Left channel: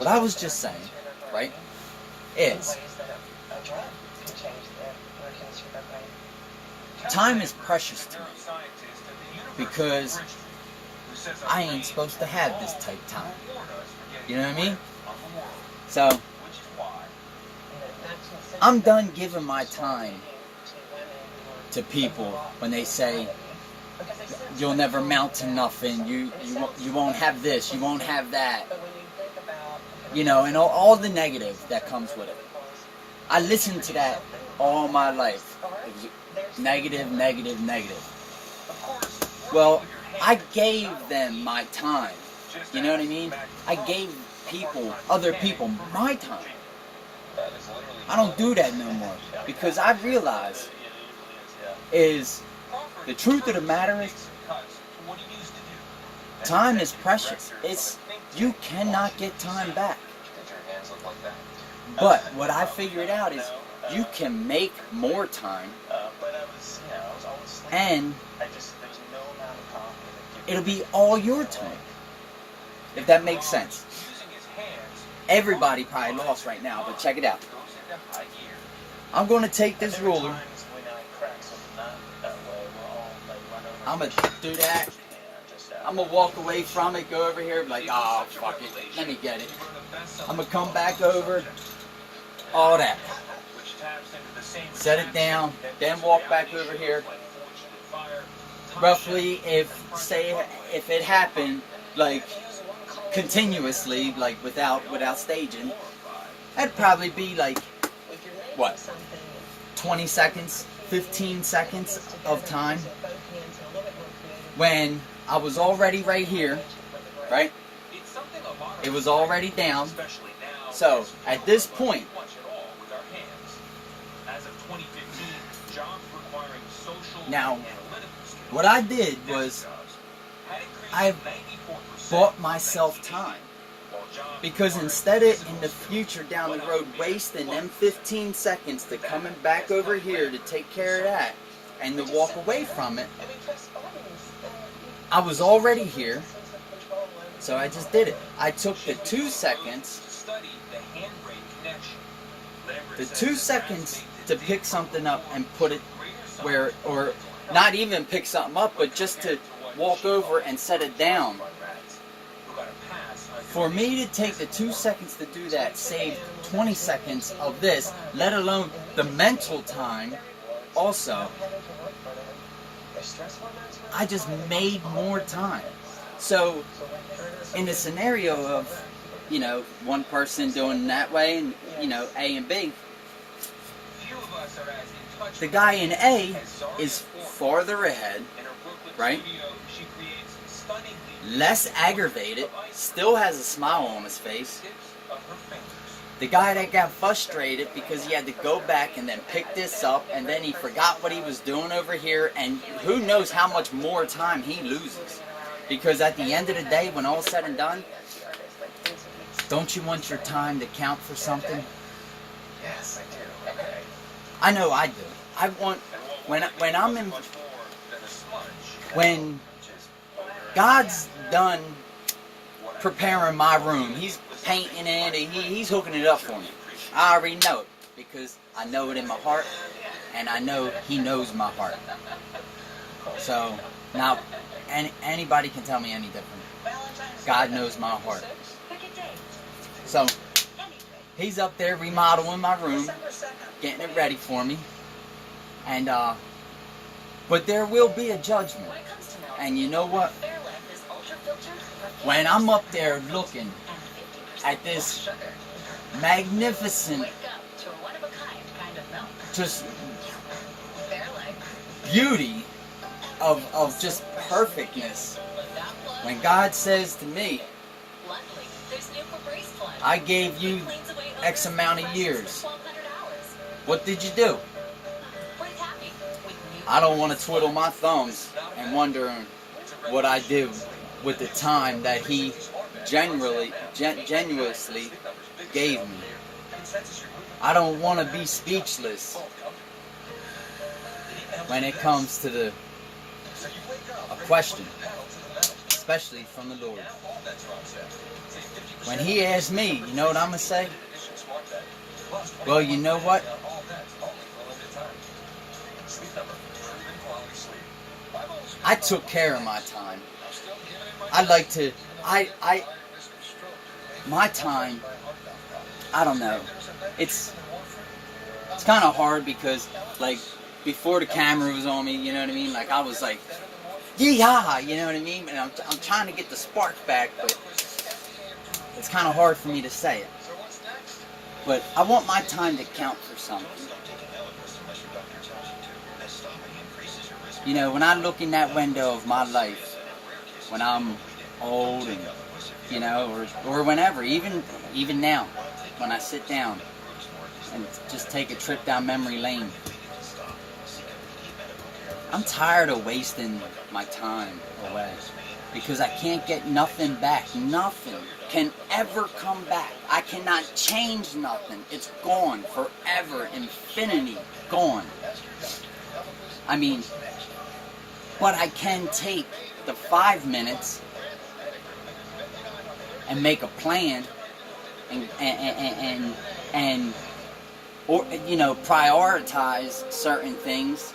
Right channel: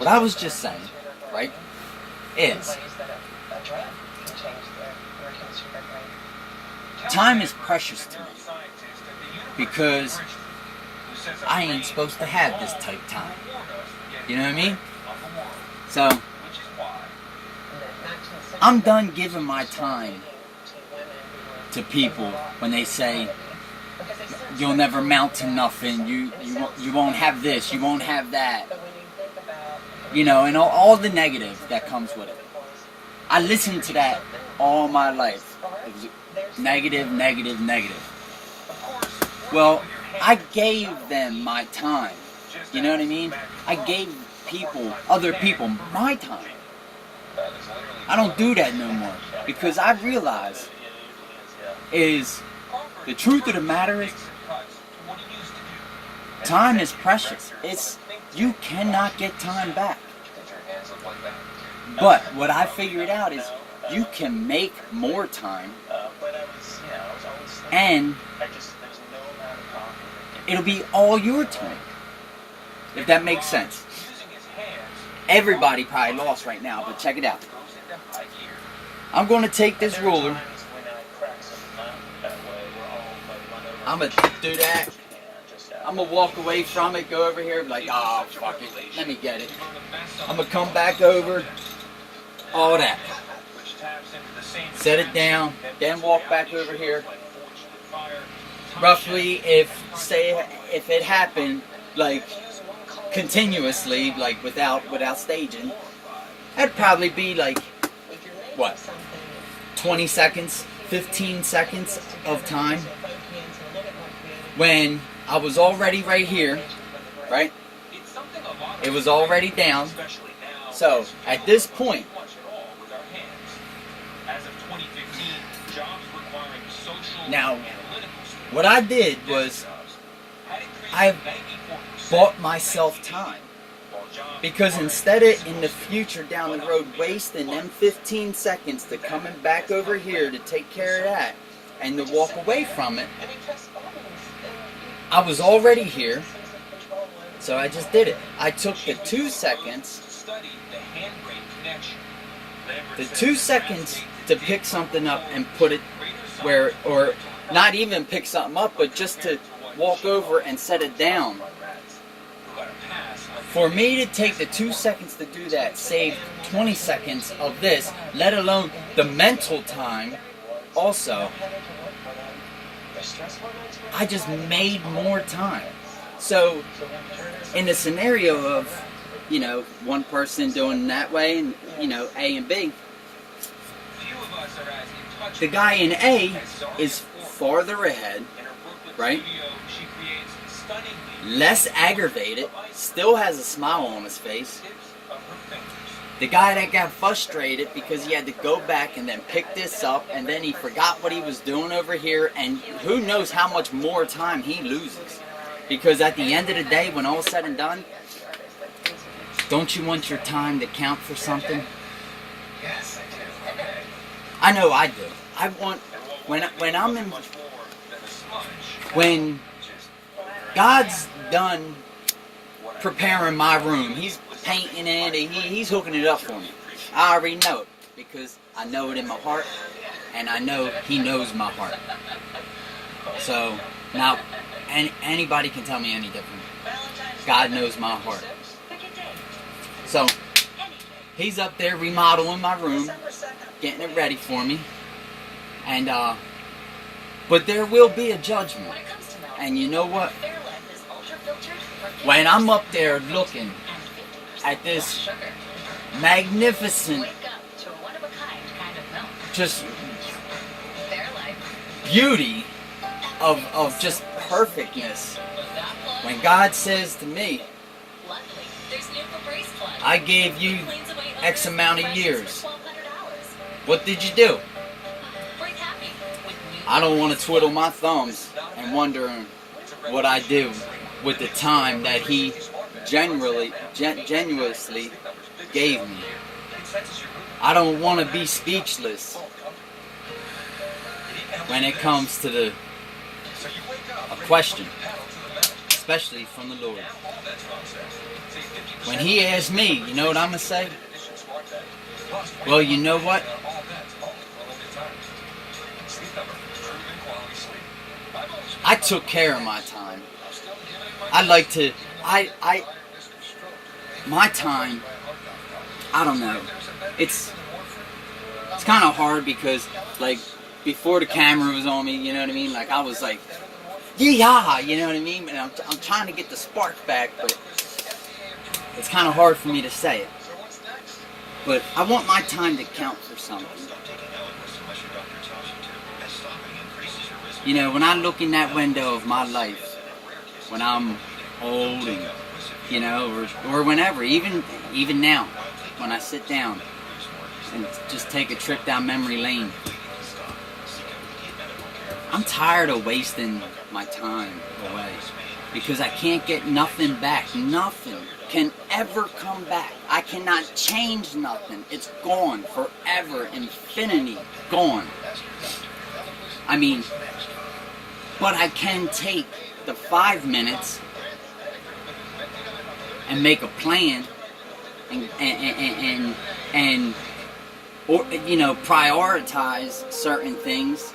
what I was just saying, right, is time is precious to me because I ain't supposed to have this type time. You know what I mean? So, I'm done giving my time to people when they say, you'll never amount to nothing, you won't have this, you won't have that. You know, and all the negative that comes with it. I listened to that all my life. It was negative, negative, negative. Well, I gave them my time. You know what I mean? I gave people, other people, my time. I don't do that no more. Because I realize is, the truth of the matter is, time is precious. You cannot get time back. But what I figured out is you can make more time, and it'll be all your time. If that makes sense. Everybody probably lost right now, but check it out. I'm going to take this ruler. I'm going to do that. I'm going to walk away from it, go over here, like, oh, fuck it, let me get it. I'm going to come back over, all that. Set it down, then walk back over here. Roughly, if it happened, like, continuously, like, without staging, that'd probably be, like, what, 20 seconds, 15 seconds of time, when I was already right here, right? It was already down. So, at this point, now, what I did was, I bought myself time. Because instead of in the future down the road wasting them 15 seconds to coming back over here to take care of that and to walk away from it, I was already here, so I just did it. I took the 2 seconds, to pick something up and put it where, or not even pick something up, but just to walk over and set it down. For me to take the 2 seconds to do that saved 20 seconds of this, let alone the mental time also. I just made more time. So, in the scenario of, you know, one person doing that way, and, you know, A and B, the guy in A is farther ahead, right? Less aggravated, still has a smile on his face. The guy that got frustrated because he had to go back and then pick this up, and then he forgot what he was doing over here, and who knows how much more time he loses. Because at the end of the day, when all's said and done, don't you want your time to count for something? Yes, I do. Okay. I know I do. I want, when God's done preparing my room, He's painting it, and He's hooking it up for me. I already know it, because I know it in my heart, and I know He knows my heart. So, now, anybody can tell me any different. God knows my heart. So, He's up there remodeling my room, getting it ready for me, and, but there will be a judgment. And you know what? When I'm up there looking at this magnificent, just beauty of just perfectness, when God says to me, I gave you X amount of years, what did you do? I don't want to twiddle my thumbs and wondering what I do with the time that He genuinely gave me. I don't want to be speechless when it comes to a question, especially from the Lord. when he asks me, you know what I'm going to say? Well, you know what? I took care of my time. I like to, my time, I don't know. It's kind of hard because, like, before the camera was on me, you know what I mean? Like, I was like, yeah, you know what I mean? And I'm trying to get the spark back, but it's kind of hard for me to say it. But I want my time to count for something. You know, when I look in that window of my life, when I'm old and, you know, or whenever, even now, when I sit down and just take a trip down memory lane, I'm tired of wasting my time away because I can't get nothing back. Nothing can ever come back. I cannot change nothing. It's gone forever, infinity, gone. I mean, but I can take the 5 minutes and make a plan and or, you know, prioritize certain things.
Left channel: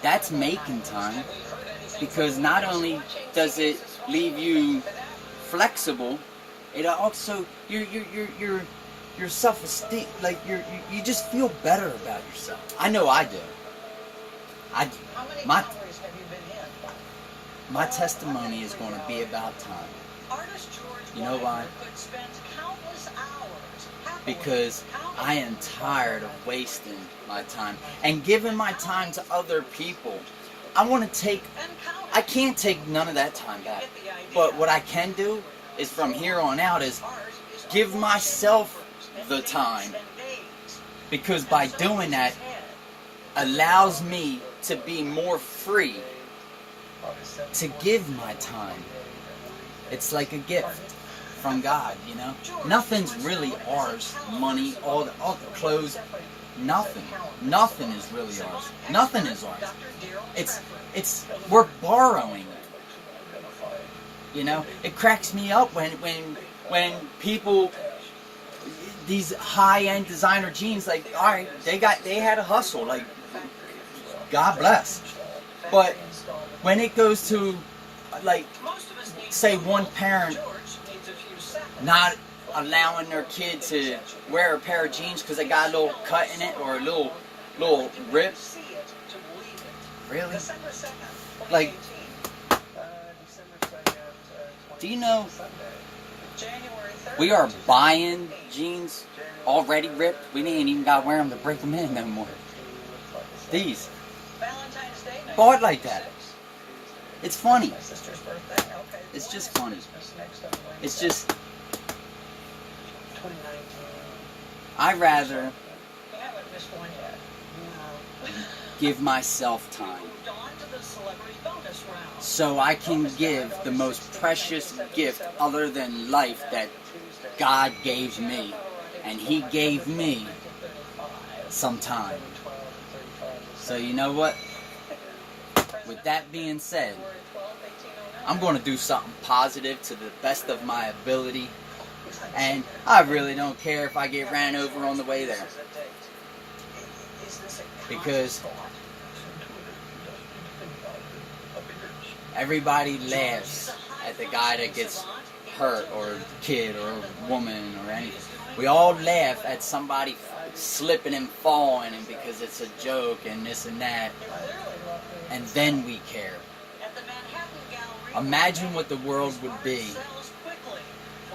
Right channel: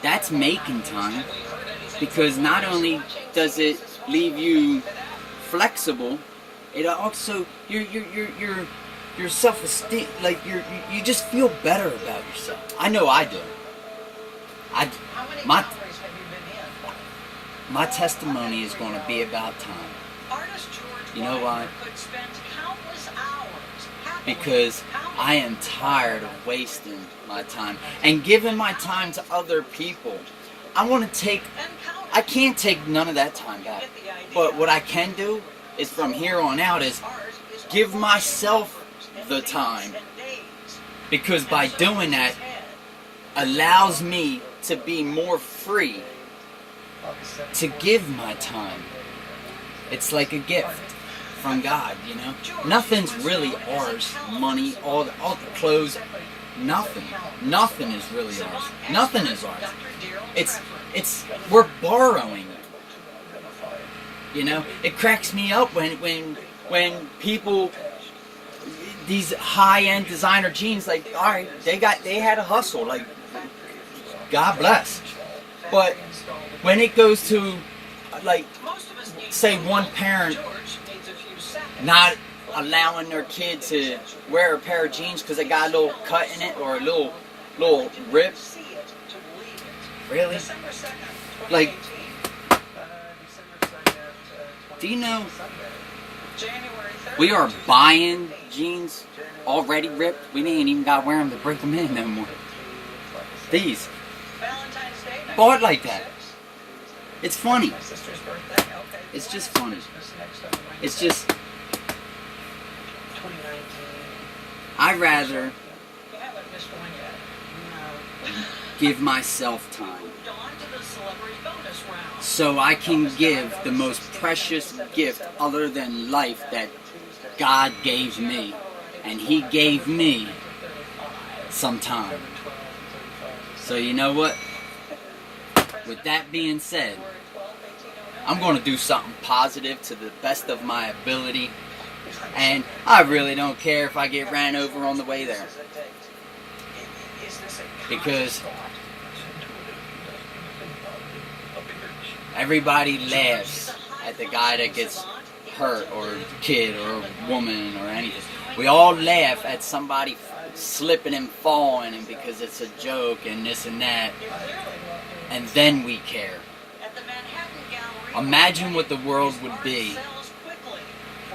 That's making time, because not only does it leave you flexible, it also your self-esteem, like you just feel better about yourself. I know I do. My testimony is going to be about time. You know why? Because I am tired of wasting my time and giving my time to other people. I can't take none of that time back. But what I can do is, from here on out, is give myself the time. Because by doing that, allows me to be more free to give my time. It's like a gift from God, you know. Nothing's really ours. Money, all the clothes, nothing is really ours. Nothing is ours. It's we're borrowing it. You know, it cracks me up when people, these high-end designer jeans, like, all right, they had a hustle, like, God bless. But when it goes to, like, say one parent not allowing their kid to wear a pair of jeans because they got a little cut in it or a little rip. Really? Like, do you know we are buying jeans already ripped? We ain't even got to wear them to break them in no more. These. Bought like that. It's funny. It's just funny. It's just, I'd rather give myself time so I can give the most precious gift other than life that God gave me. And He gave me some time. So you know what? With that being said, I'm going to do something positive to the best of my ability. And I really don't care if I get ran over on the way there. Because everybody laughs at the guy that gets hurt, or kid, or woman, or anything. We all laugh at somebody slipping and falling, and because it's a joke and this and that. And then we care. Imagine what the world would be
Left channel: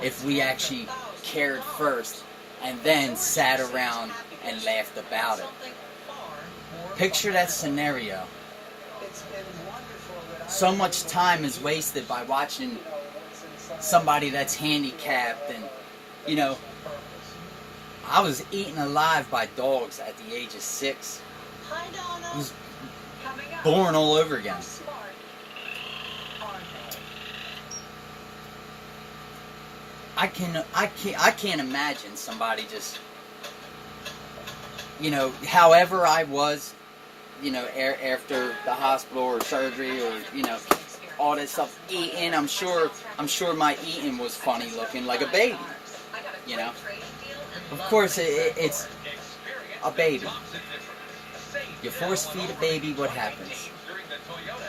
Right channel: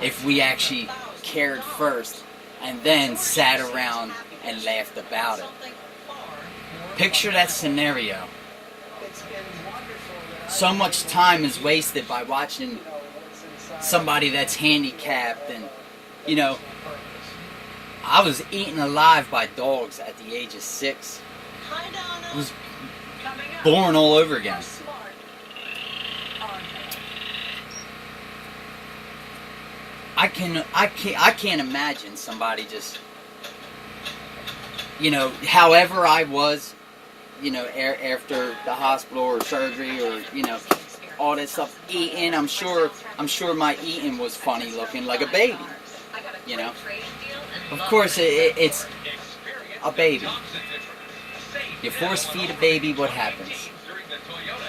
if we actually cared first and then sat around and laughed about it. Picture that scenario. So much time is wasted by watching somebody that's handicapped, and, you know, I was eaten alive by dogs at the age of 6. I was born all over again. I can't imagine somebody just, you know, however I was, you know, after the hospital or surgery, or, you know, all that stuff, eating. I'm sure my eating was funny looking, like a baby. You know, of course it's a baby. You force feed a baby, what happens?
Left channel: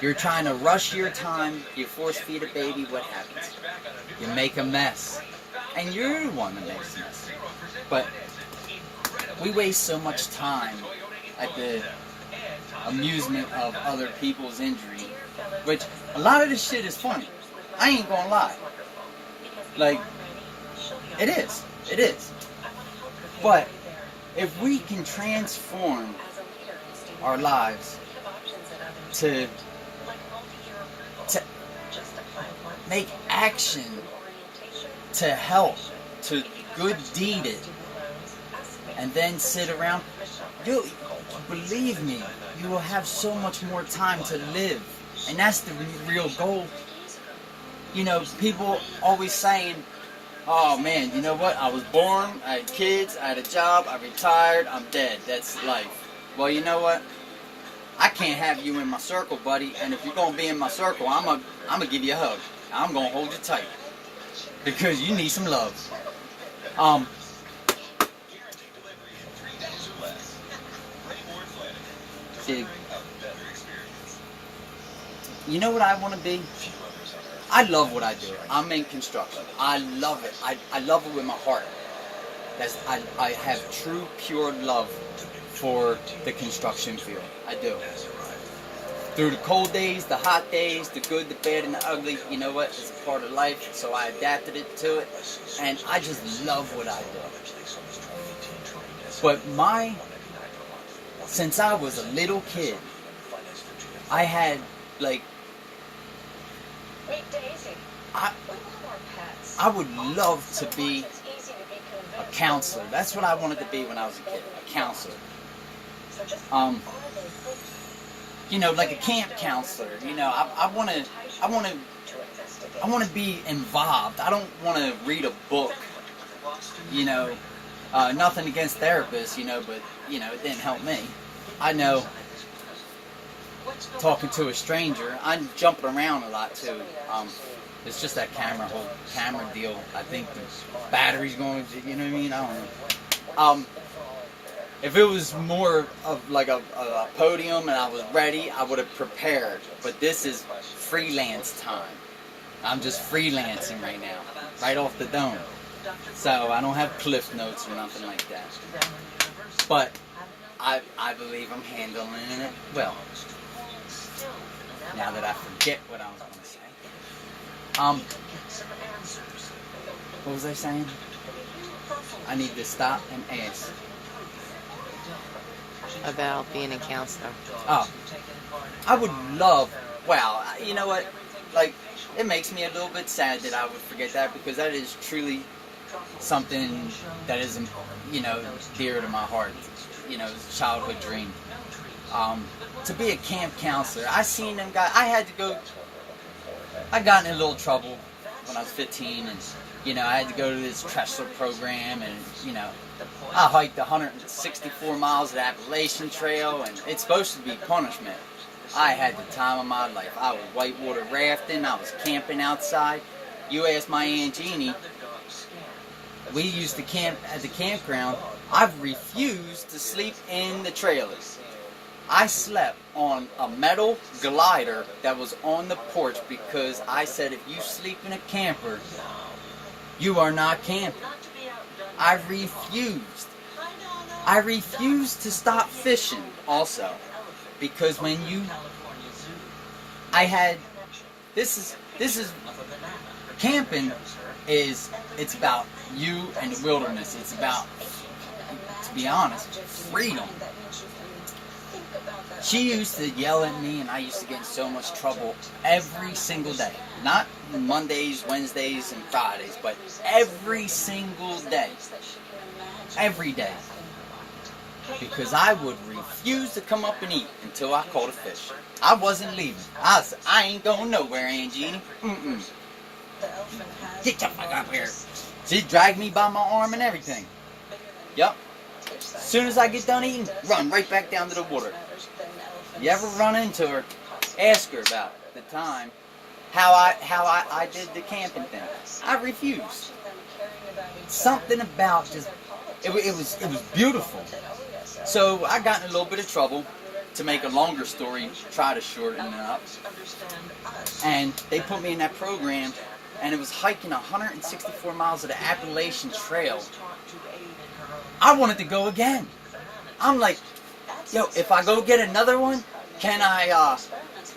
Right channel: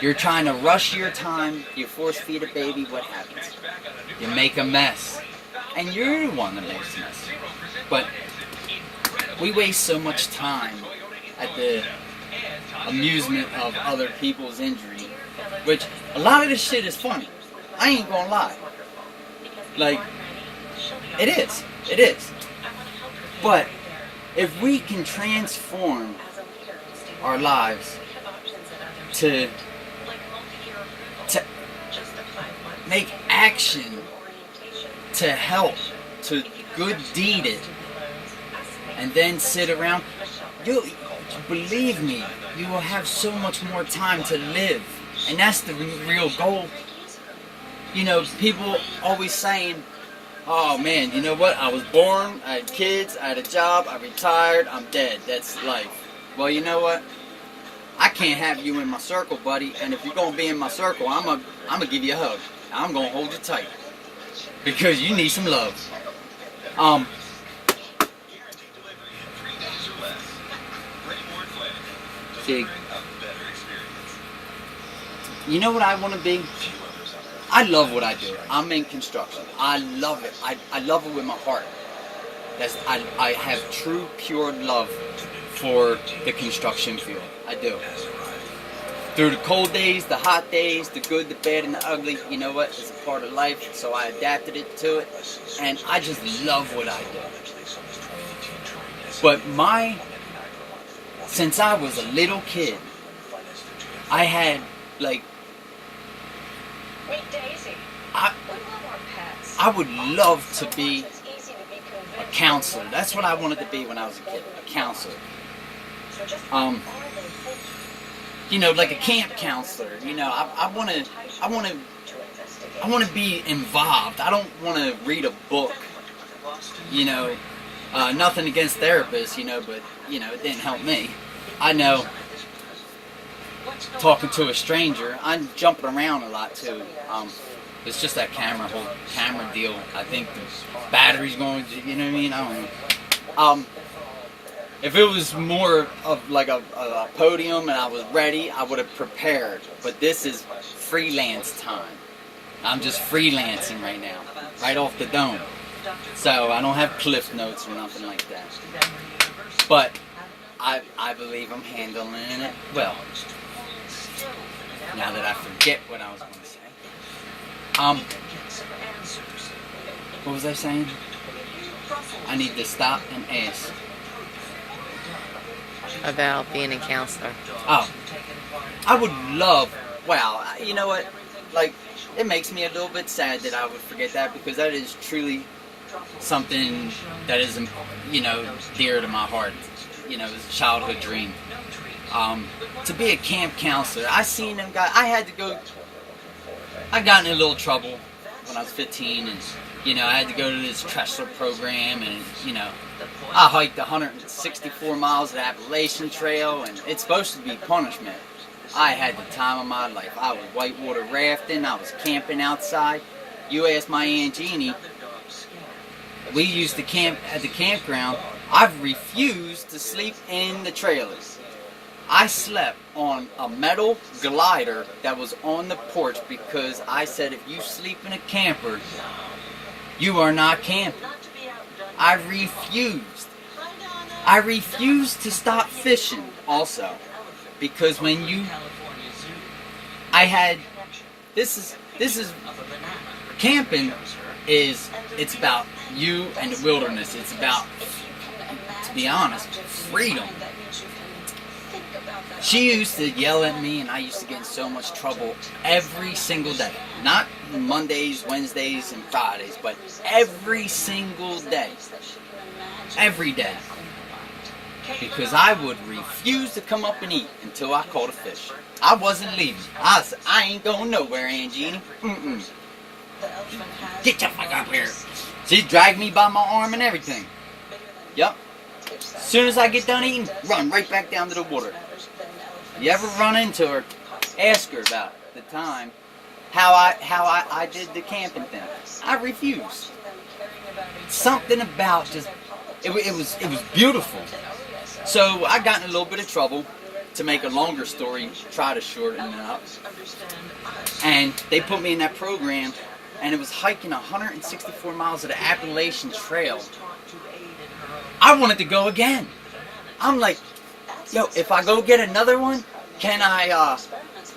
You're trying to rush your time. You force feed a baby, what happens? You make a mess, and you're the one that makes a mess. But we waste so much time at the amusement of other people's injury, which a lot of this shit is funny. I ain't gonna lie. Like, it is. But if we can transform our lives to make action, to help, to good deed it, and then sit around, you believe me, you will have so much more time to live. And that's the real goal. You know, people always saying, oh man, you know what, I was born, I had kids, I had a job, I retired, I'm dead, that's life. Well, you know what, I can't have you in my circle, buddy, and if you're going to be in my circle, I'm gonna give you a hug. I'm going to hold you tight. Because you need some love. See, you know what I want to be? I love what I do. I'm in construction. I love it. I love it with my heart. I have true, pure love for the construction field. I do. Through the cold days, the hot days, the good, the bad, and the ugly, you know what? It's a part of life, so I adapted it to it. And I just love what I do. But since I was a little kid, I had, like, I would love to be a counselor. That's what I wanted to be when I was a kid, a counselor. You know, like a camp counselor. You know, I want to be involved. I don't want to read a book. You know, nothing against therapists. You know, but you know, it didn't help me. I know. Talking to a stranger, I'm jumping around a lot too. It's just that whole camera deal. I think the battery's going. You know what I mean? I don't know. If it was more of like a podium and I was ready, I would have prepared. But this is freelance time. I'm just freelancing right now, right off the dome. So I don't have cliff notes or nothing like that. But I believe I'm handling it well. Now that I forget what I was going to say. What was I saying? I need to stop and ask. About being a counselor. Oh, I would love, wow, you know what, like, it makes me a little bit sad that I would forget that, because that is truly something that is, you know, dear to my heart. You know, it's a childhood dream. To be a camp counselor, I seen them guys, I got in a little trouble when I was 15, and, you know, I had to go to this Tressler program, and, you know, I hiked 164 miles of the Appalachian Trail, and it's supposed to be punishment. I had the time of my life. I was whitewater rafting, I was camping outside. You ask my Aunt Jeannie, we used to camp at the campground. I've refused to sleep in the trailers. I slept on a metal glider that was on the porch because I said, if you sleep in a camper, you are not camping. I refused. I refused to stop fishing also. Because when camping it's about you and the wilderness. It's about, to be honest, freedom. She used to yell at me, and I used to get in so much trouble every single day. Not Mondays, Wednesdays, and Fridays, but every single day. Every day. Because I would refuse to come up and eat until I caught a fish. I wasn't leaving. I said, I ain't going nowhere, Aunt Jeannie. Get your fuck up here. She dragged me by my arm and everything. Yup. As soon as I get done eating, run right back down to the water. You ever run into her, ask her about the time how I did the camping thing. I refused. Something about just it was beautiful. So I got in a little bit of trouble. To make a longer story, try to shorten it up. And they put me in that program, and it was hiking 164 miles of the Appalachian Trail. I wanted to go again. I'm like, yo, if I go get another one, can I,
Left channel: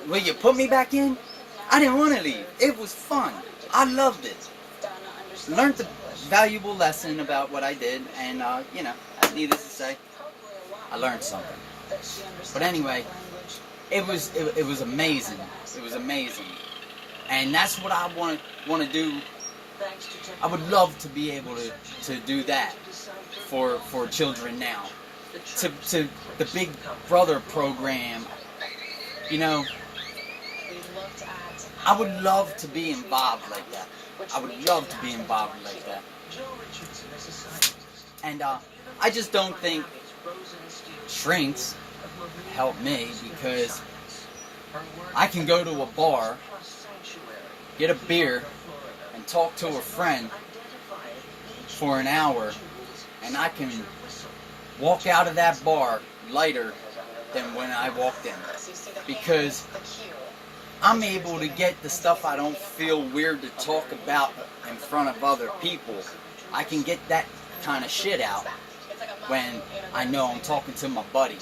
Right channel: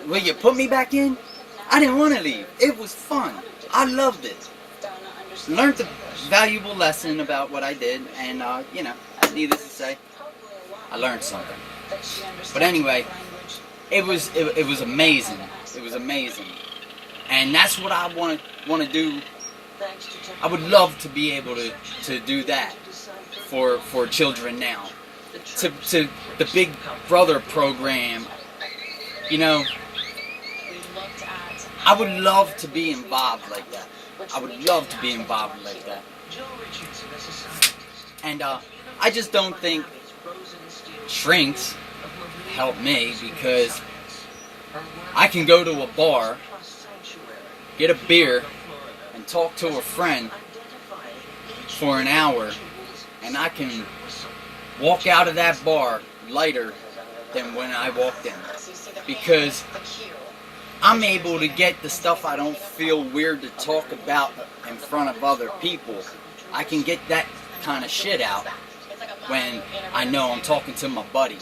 will you put me back in? I didn't want to leave. It was fun. I loved it. Learned a valuable lesson about what I did, and, needless to say, I learned something. But anyway, it was amazing. It was amazing, and that's what I want to do. I would love to be able to do that for children now. To the Big Brother program, I would love to be involved like that. I would love to be involved like that. And I just don't think shrinks help me, because I can go to a bar, get a beer, and talk to a friend for an hour, and I can walk out of that bar lighter than when I walked in, because I'm able to get the stuff I don't feel weird to talk about in front of other people. I can get that kind of shit out when I know I'm talking to my buddy.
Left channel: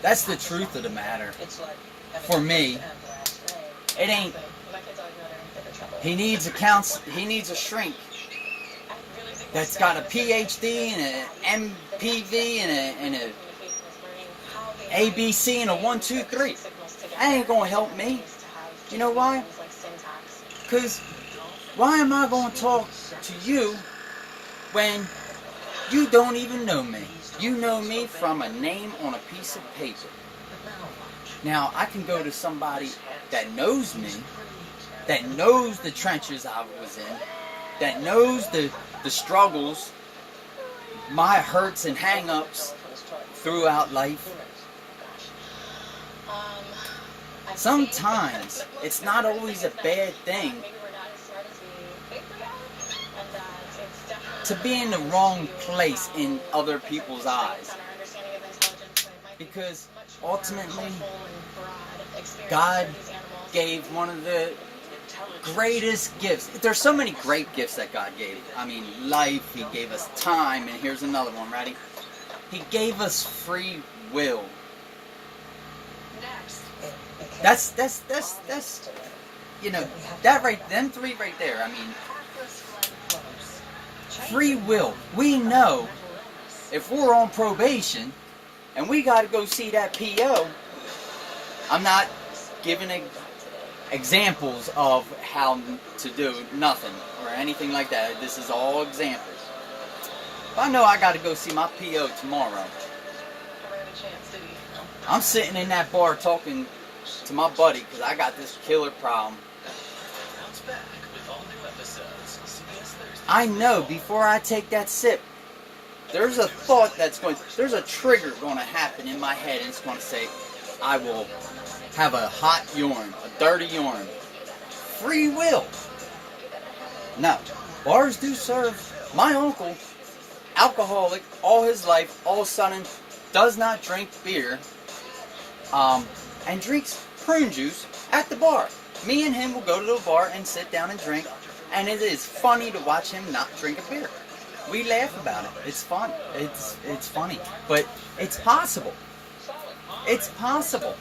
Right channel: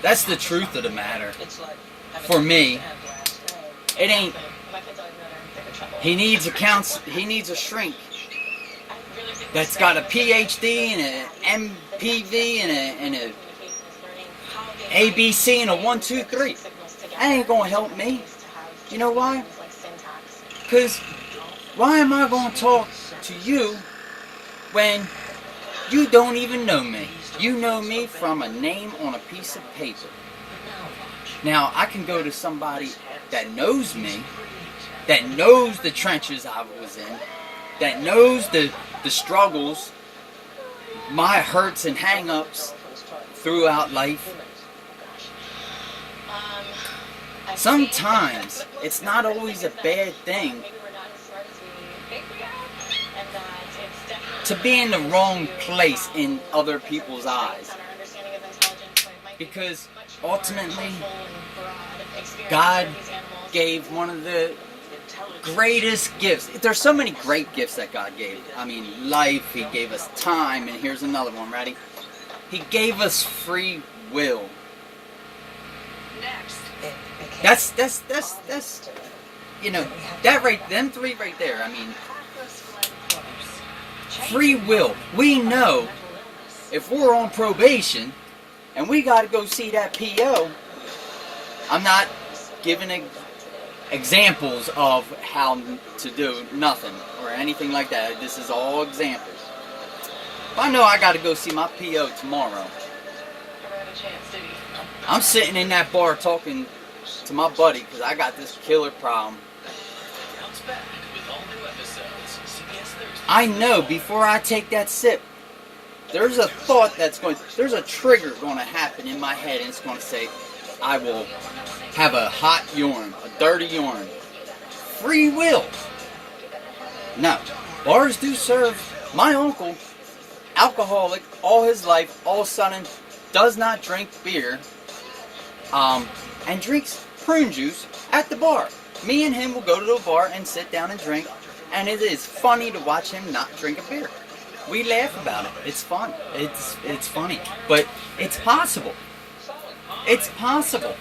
That's the truth of the matter. For me, it ain't. He needs a shrink that's got a PhD and an MPV and a ABC and a 1, 2, 3. That ain't gonna help me. You know why? Because why am I gonna talk to you when you don't even know me? You know me from a name on a piece of paper. Now, I can go to somebody that knows me, that knows the trenches I was in, that knows the struggles, my hurts and hang-ups throughout life. Sometimes it's not always a bad thing to be in the wrong place in other people's eyes, because ultimately God gave one of the greatest gifts. There's so many great gifts that God gave. I mean, life, He gave us time, and here's another one, ready? He gave us free will. That's that right, them three right there. I mean, free will. We know if we're on probation and we got to go see that PO. I'm not giving examples of how to do nothing or anything like that. This is all examples. If I know I got to go see my PO tomorrow, I'm sitting in that bar talking to my buddy because I got this killer problem. I know before I take that sip, there's a thought there's a trigger going to happen in my head, and it's going to say, I will have a hot urine, a dirty urine. Free will. Now, bars do serve. My uncle, alcoholic all his life, all of a sudden does not drink beer, and drinks prune juice at the bar. Me and him will go to the bar and sit down and drink, and it is funny to watch him not drink a beer. We laugh about it. It's fun. It's funny. But it's possible. It's possible.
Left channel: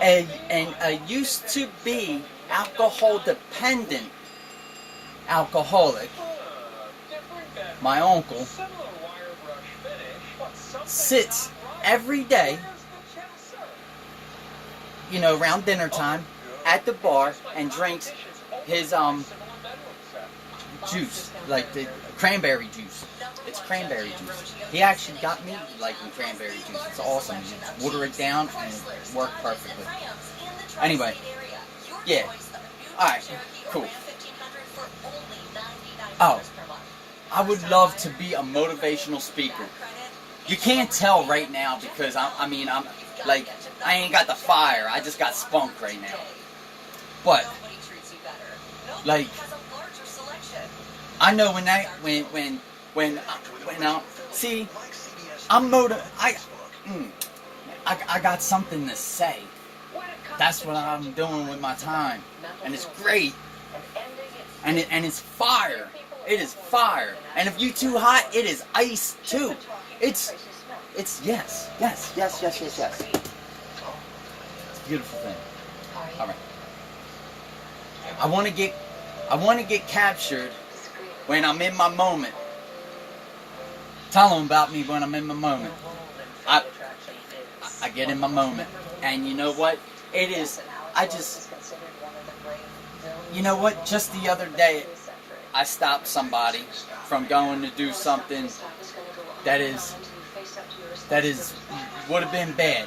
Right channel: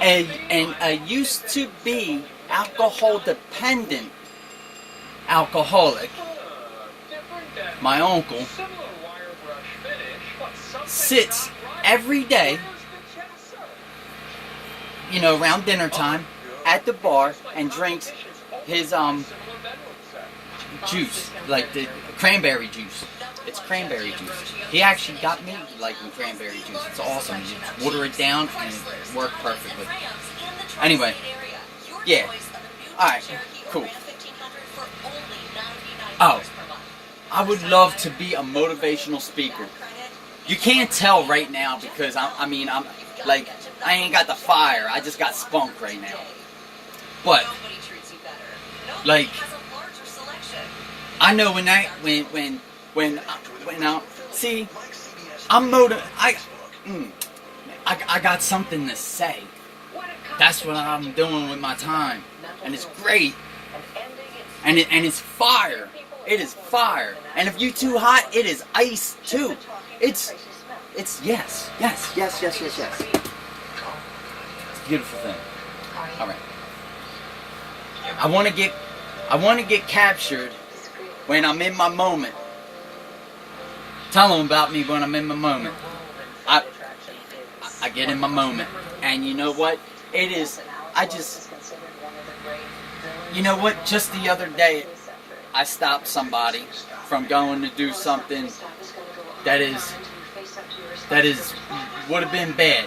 And I used to be alcohol dependent alcoholic. My uncle sits every day, around dinner time at the bar and drinks his juice, like the cranberry juice. It's cranberry juice. He actually got me liking cranberry juice. It's awesome. You just water it down and it worked perfectly. Anyway, yeah. Alright, cool. Oh, I would love to be a motivational speaker. You can't tell right now because I'm like, I ain't got the fire. I just got spunk right now. But like, I know when I see, I'm I got something to say. That's what I'm doing with my time, and it's great. And it's fire. It is fire. And if you too hot, it is ice too. It's yes. It's a beautiful thing. All right. I want to get captured when I'm in my moment. Tell them about me when I'm in my moment. I get in my moment, and you know what? It is. You know what? Just the other day, I stopped somebody from going to do something that would have been bad.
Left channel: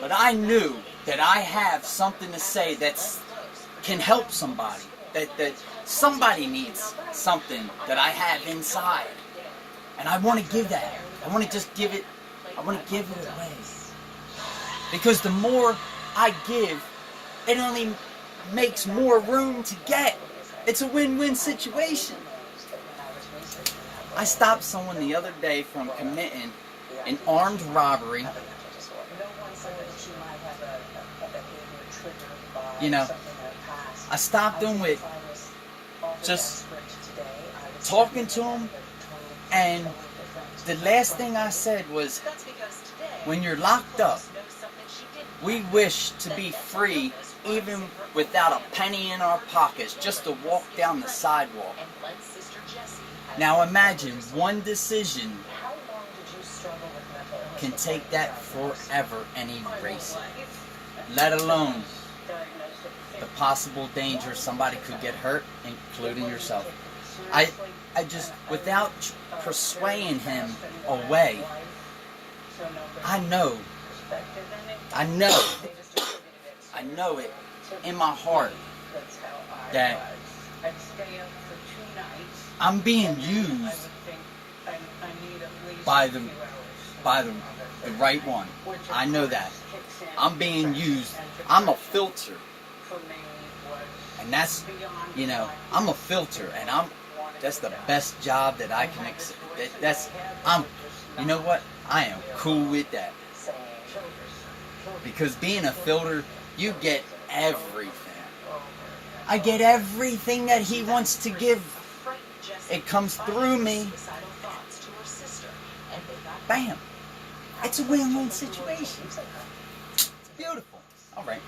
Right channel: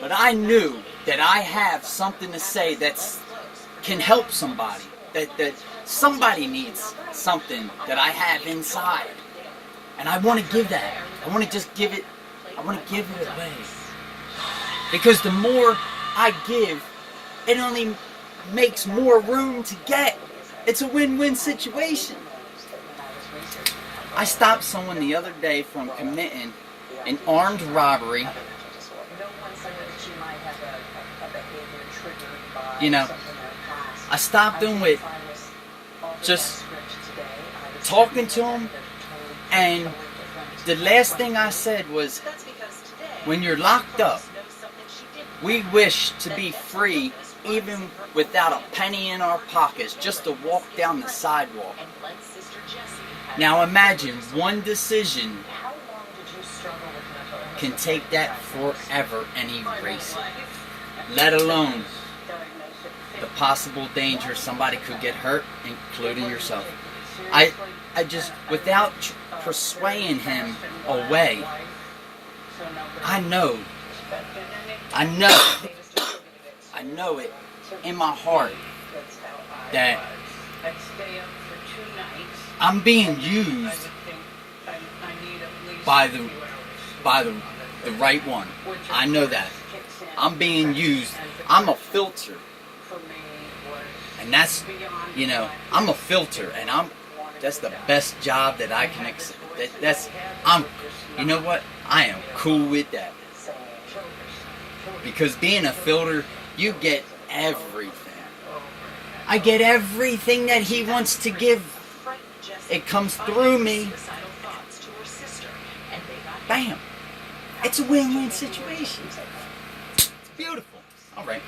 But I knew that I have something to say that can help somebody. That somebody needs something that I have inside. And I want to give that. I want to just give it. I want to give it away. Because the more I give, it only makes more room to get. It's a win-win situation. I stopped someone the other day from committing an armed robbery. You know, I stopped him with just talking to him, and the last thing I said was, when you're locked up, we wish to be free even without a penny in our pockets, just to walk down the sidewalk. Now imagine one decision can take that forever and erase it. Let alone the possible danger somebody could get hurt, including yourself. I just, without persuading him away, I know it in my heart that I'm being used by the right one. I know that. I'm being used. I'm a filter. And that's, you know, I'm a filter, and that's the best job that I can accept. You know what? I am cool with that. Because being a filter, you get everything. I get everything that he wants to give. It comes through me. Bam. It's a win-win situation. It's beautiful. All right.